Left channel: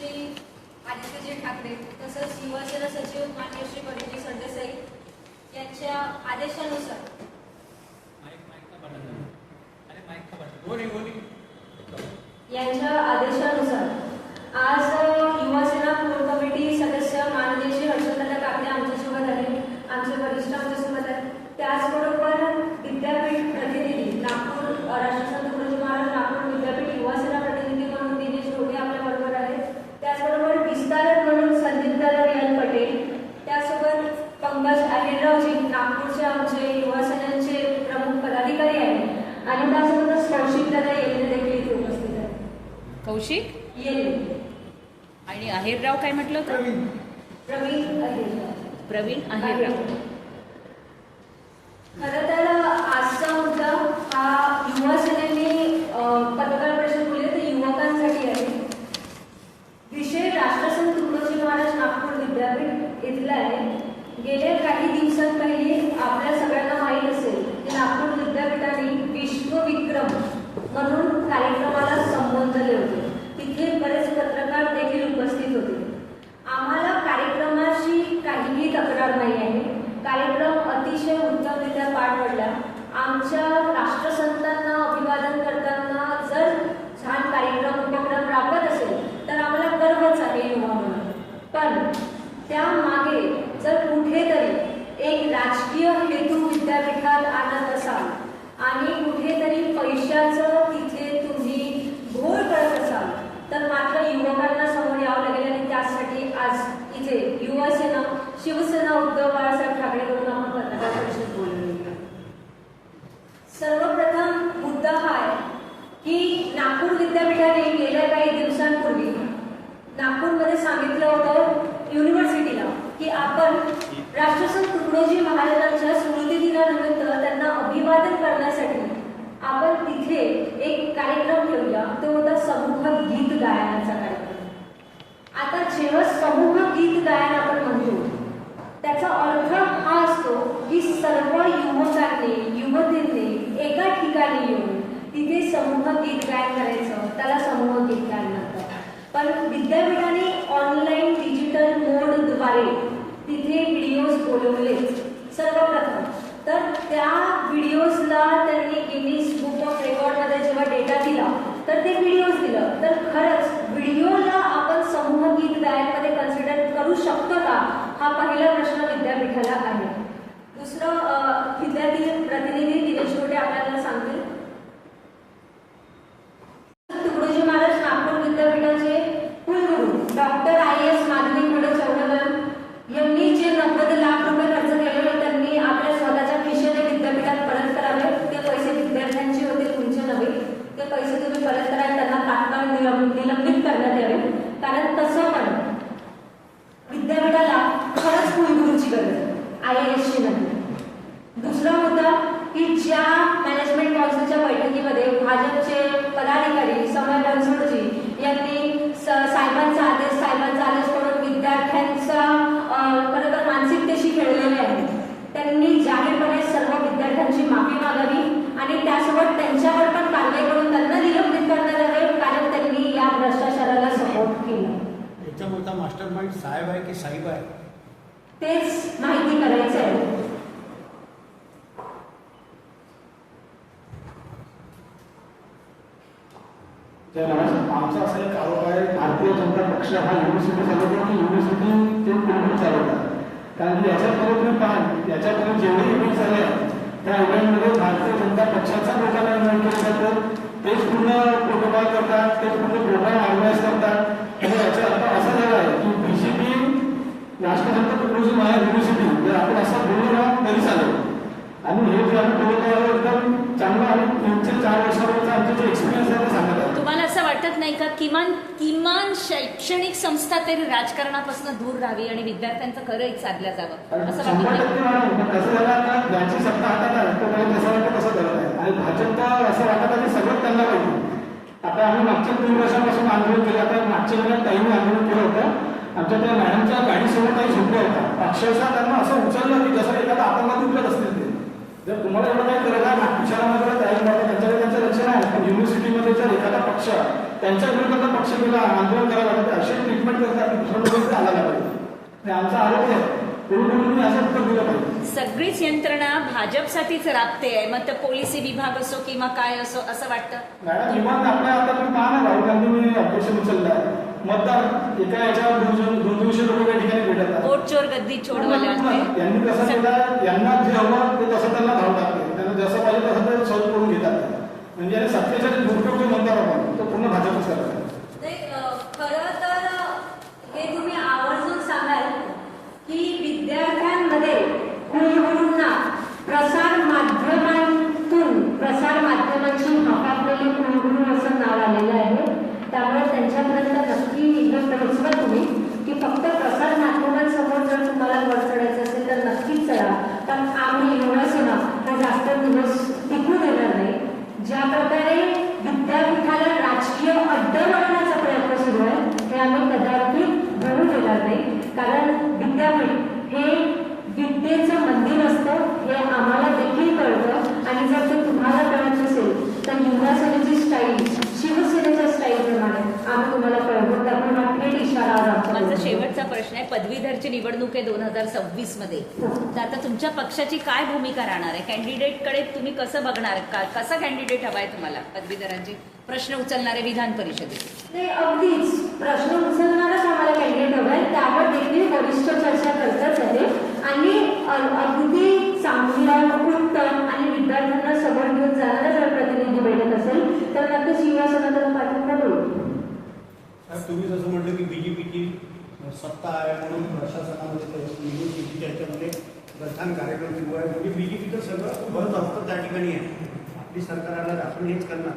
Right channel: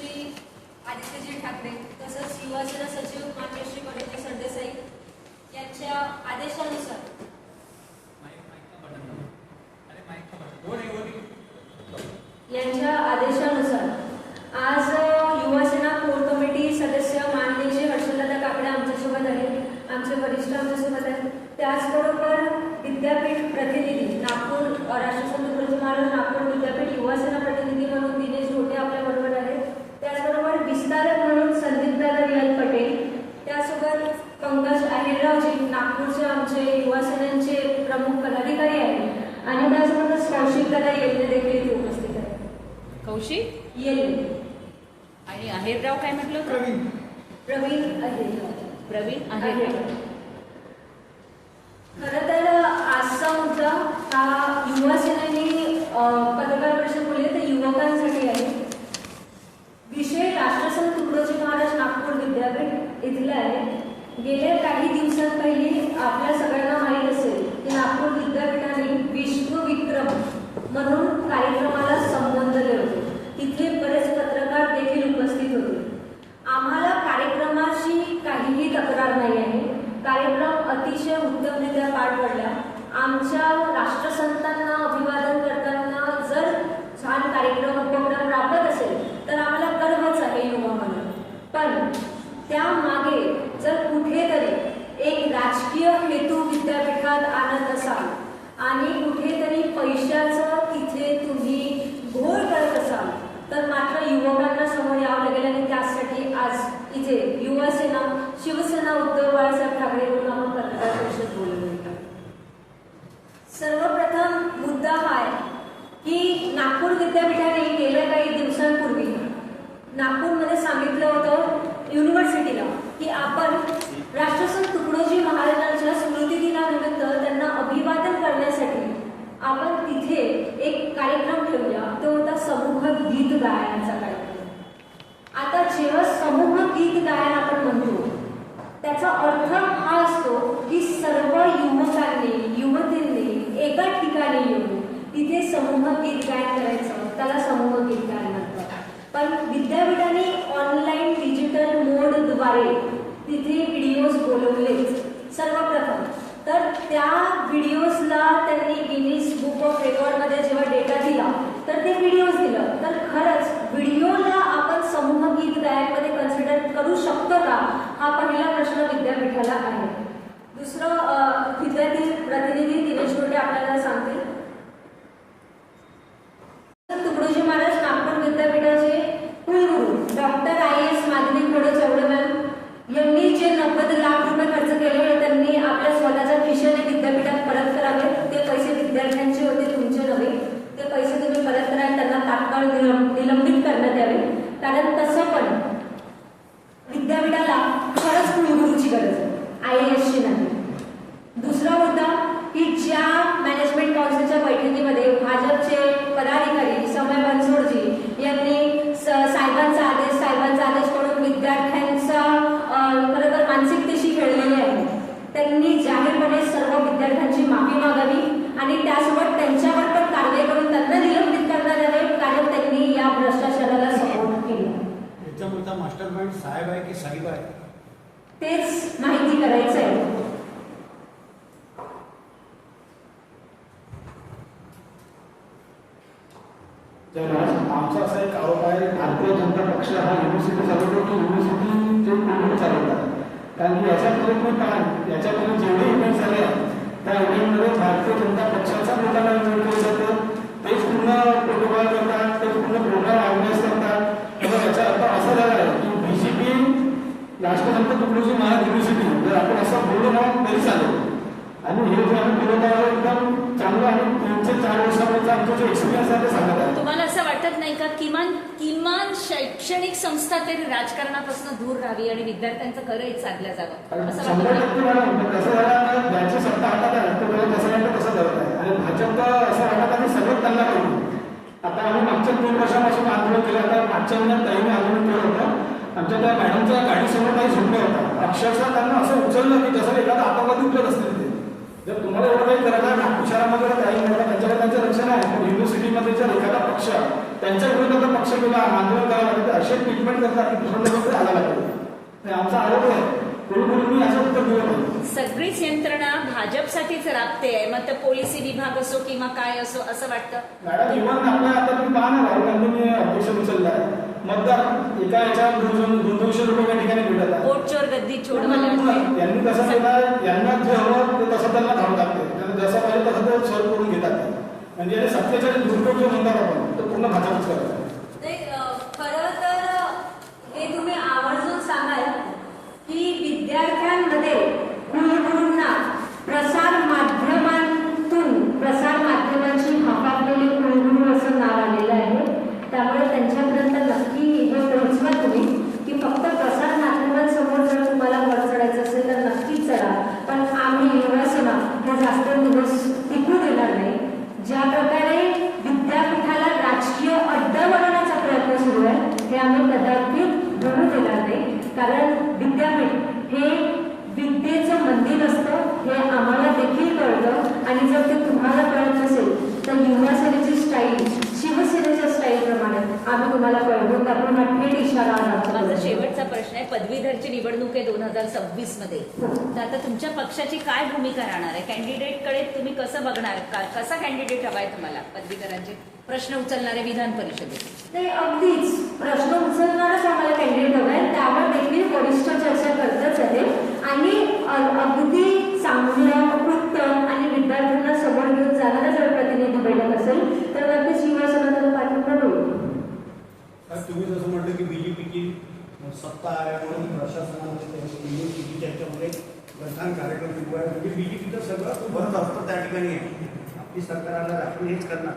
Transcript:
श्री आदित्यजी ठाकरे तसंच युवासेना सचिव मान्य श्री परिणय सरदेसाई यांच्या आदेशानुसार आज युवासेना कोर कमिटी सदस्य माननीय श्री हर्षदादा काकडे आमच्यासोबत आहेत, आमचे वरिष्ठ आमच्यासोबत आहेत. त्याचबरोबर विद्यापीठ प्रतिनिधी नागपूर राष्ट्रसंत तुकडोजी महाराज नागपूर विद्यापीठ युवासेना प्रतिनिधी म्हणून दिनेश ढोटे आपल्या बरोबर आहेत. त्याचबरोबर विस्तारक म्हणून संदीपदादा रियाल पटेल, त्यासोबत पंकज अहिरजी नागपूरचे आमचे युवासेनांचे प्रमुख पदाधिकारी आहेत आणि त्यासोबतच कौशिकदादा येल्ले देखील इथे उपस्थित आहेत. कौशिक येल्ले आणि अहिरराव काय म्हटलं? प्रवीण अहिरराव. प्रवीण अहिरराव. खरं तर आजचा मुद्दा हा युवासेनेने पत्रकार परिषद बोलली तर युवकांसाठी आहे. विषय राष्ट्रसंत तुकडोजी महाराज नागपूर विद्यापीठ इथला आहे. गेल्या काही दिवसांपैकी आपल्या सगळ्यांना माहीत असेल की नागपूर विद्यापीठाने विश्वविक्रम म्हणून कार्यक्रमाला संबोधले होते. तिथे बरेच पत्रकार देखील उपस्थित होते. आम्हाला कार्यक्रमाशी काहीही तक्रार नाही आहे. कार्यक्रम अतिशय उत्तमरित्या पार पडला. आमच्या राष्ट्रसंतांना अभिवादन करताना जर छान कार्यक्रम उपक्रम राबत असेल तर आम्हाला गर्वच आहे युवा म्हणून. पण त्यामागे जर कुठेतरी एक राजकीय हेतू विद्यापीठात आणत असाल आणि कुठेतरी पैशाचं तिथे तुम्ही घोळ करत असाल तर मात्र युवकांना समोर यावं लागेल आणि त्यासाठी आज इथे युवासेना शिवसेना उद्धव बाळासाहेब ठाकरे म्हणून आपण पत्रकार परिषद बोललो. सर्वप्रथम मुद्दा हा आहे की नागपूर विद्यापीठाने गेल्या काही दिवसांपूर्वी नागपूरमध्ये सांगितलं होतं युनिव्हर्सिटीला की आपण राष्ट्रसंत तुकडोजी महाराजांच्या स्मृती दिनानिमित्त त्यांना अभिवादन करण्यासाठी आपण तिथे एक कार्यक्रम ठेवूया. तो होता समूह गीत गायनाचा कार्यक्रम. आता जेव्हा समूह गीत गायन आपण म्हणतो त्याचा अर्थ हा असतो की सर्व युवकांनी युवतींनी एका ठिकाणी येऊन तिथे समूह गीत गायन करायचं, त्याला समूह गीत गायन म्हणतात. पण विद्यापीठाने ऑनलाईन डिजिटल मोडद्वारे तिथे व्हिडिओज बोलवले सर्वप्रथम. तर त्या व्हिडिओजला त्यांनी गिनीज बुक ऑफ रेकॉर्डमध्ये जेव्हा डेटा दिला तर ते व्हिडिओज दिलं. तर खरंच व्हिडिओला आपण समूह गीत गायनमध्ये कन्सिडर करू शकतो का, हा पहिला प्रश्न विद्यापीठाला आहे. दुसरं विद्यार्थी प्रतिनिधी दिनेश ढोटे आपल्याला सांगतील. तुकडोजी महाराज नागपूर विद्यापीठाचे कुलगुरू डॉक्टर IAS माधवी खोडे चौडमॅन यांनी जे 90 लाख रुपये खर्च केले त्यांनी आपल्या स्वतःच्या खिशाने विद्यापीठात परत करावे. ते पैसे विद्यार्थ्यांचे होते, तुमचे नव्हे. ते पैसे तुम्ही परत करा, त्यांना तात्काळ निलंबित करण्यात यावे. कारण तसं पण विद्यापीठाला खरंच कुलगुरूची गरज आहे, IASची नाही. दुसरा मुद्दा की ज्या मॅनेजमेंट काउन्सिलच्या बैठकीमध्ये भाजपचे पदाधिकारी समय बनसोडजी यांनी साहेबांचा आदेश करून विद्यार्थ्यांचा खरं तर मानसिकतेशी खेळलेले आहे. त्यांनी जाहीरपणे सर्व विद्यार्थ्यांची माफी मागावी आणि त्यासोबत त्यांच्यावर पण कारवाई करून त्यांना निलंबित करण्यात यावे, कारण त्यांनी या भ्रष्टाचाराला सपोर्ट केला. याच्यामध्ये मास्टर माइंड साहेब आहे की साहेब आहे तेच माहिती करायचं आहे. तर आमचा असा एक आरोप आहे, भारतीय जनता पक्ष हा युनिव्हर्सिटी चालवतो की युनिव्हर्सिटी कुलगुरू चालवतात. कारण की याच्यापूर्वी जेवढे इव्हेंट झाले त्या इव्हेंटमध्ये भारतीय जनता पक्षाचा लोकांना इन्व्हाइट केलं जातं. तेच पूर्ण प्रोटोकॉल करतात, तेच पूर्ण प्रोग्राम ऑर्गनाईज करतात. त्यामुळे याचा अर्थ असा झाला आहे की BJP राष्ट्रसंत तुकडोजी महाराज युनिव्हर्सिटी जर आपण असं बोललो ना तरी चालेल. आणि हे जे आम्ही बोलत आहे एकदम चांगलं आहे. 3-4 वर्षापर्यंत आमचा जो एक्सपिरियन्स आहे तो सांगत आहे. तुम्हाला असं वाटत नाही का किमान शैक्षणिक संस्था तरी राजकारणापासून दूर राहावी आणि विद्यार्थ्यांचं खरं एक साधल्या जावं? 100% मॅडम. पण कसं झालं आता ज्यांची सत्ता हातात आहे तो मला तसं वाटतं तसं करत आहे आणि भाजप असं वाटत आहे सगळं त्यांना पाहिजे. आता आम्ही मागच्या 3 वर्षापासून आंदोलन केलं. आता मागच्या महिन्यात ताईने आंदोलन केलं होतं. आमच्या त्या मॅडमच्या गाडीसमोर काही झोपल्या होत्या. अक्षरशः त्यांना असं उचललं की जसं एखादा आतंकवादी उचलत असतील. ते जर तुम्हाला एवढं काही करायला नागपूर शहरामध्ये काही त्यांच्याकडे त्यांचं रक्षण आहे. पण युनिव्हर्सिटीमध्ये जर एखादा पक्ष त्यांच्या विरोधात पक्ष केला आंदोलन करायला लागतं असे ट्रीटमेंट करतात की दुसऱ्या लोकांकडे आला पाहिजे. हे आमचा आरोप आहे. कोणी असं उत्तर दिलं पाहिजे. सगळीच यंत्रणा भाजपसाठीच राबते आहे, मग ते पोलिसी विभाग असो किंवा काय असो असं वाटतं. मॅडम इव्हन आपल्या आता तुम्ही पहा ना, राहुल गांधींनी ऑपरेशन उचललं आहे. मतदार एका याच्यावर 200 रुपये त्या ठिकाणी भेटत आहे. वोट चोर गद्दी छोड मला यांनी कसं केलं, यांना जे हवं ते तसं त्यांना धाव टाकते. त्यांना जसं पाहिजे तसं ते सॉल्व्ह करून घेतात. म्हणजे सत्तेचा जे दुरुपयोग जो म्हणतात आपण तो पूर्ण भाजपच करतात. नाही, खरं तर हे तुम्ही आवर्जून सांगाल की विद्यार्थ्यांमध्ये कुलगुरूंना प्रसार माध्यमांची हापापलेली कुलगुरू असं नाव आलेलं आहे. त्यामुळे त्यांच्यापर्यंत नक्की हे पोहोचवा तुम्ही की फक्त प्रसार माध्यमांसमोर जर तुम्हाला वर चढायचं असेल तर नक्कीच चढा. पण आम्ही युवासेना हे जास्त दिवस टिकू देणार नाही. ज्या प्रकारे विद्यापीठाला राजकीय अड्डा बनवण्याचा प्रयत्न सुरू आहे हे आम्ही कदाचित होऊ देणार नाही. कारण विद्यापीठ हे विद्येचं मंदिर असतं हे आम्हाला देखील कळतं. आणि जर ते तुम्हाला कळत नसेल तर युवासेनेची स्टाईल शिवसेनेच्या स्टाईल प्रमाणे आम्ही तुम्हाला कळवून त्यामुळे हा थेट इशारा आज माझा आमच्याकडे. शेवटचा प्रश्न आहे, पदवीधरची निवडणूक आहे 2026 मध्ये, तर आता तुमच्या पक्षाची काय भूमिका राहणार आहे? कॅन्डिडेटकडे तुम्ही कसं बघणार, कसा कॅन्डिडेट हवाय तुम्हाला? पदवीधरांचे प्रश्न उचलणारे विधान परिषदेत नाही, अगदीच प्रश्न उचलणारच आम्हाला कॅन्डिडेट हवा आहे. त्यावर देखील वरिष्ठ चर्चा करतच आहे. आणि अगदी चांगलं उत्तम आणि विद्यार्थ्यांना समोर घेऊन जाणारा जर प्रतिनिधी भेटत असेल तर नक्कीच युवासेना त्याला पाठिंबा देईल. तुम्ही जसं म्हटलं की बीजेपीची सत्ता आहे आणि प्रशासनामध्ये बीजेपी त्याच्यामध्ये प्रधान कार्यक्रम सुरू आहे. म्हणजे बीजेपीचं सगळं भर असतं त्या ठिकाणी आहे. आपली सरकारला दाखवून हेच करणार.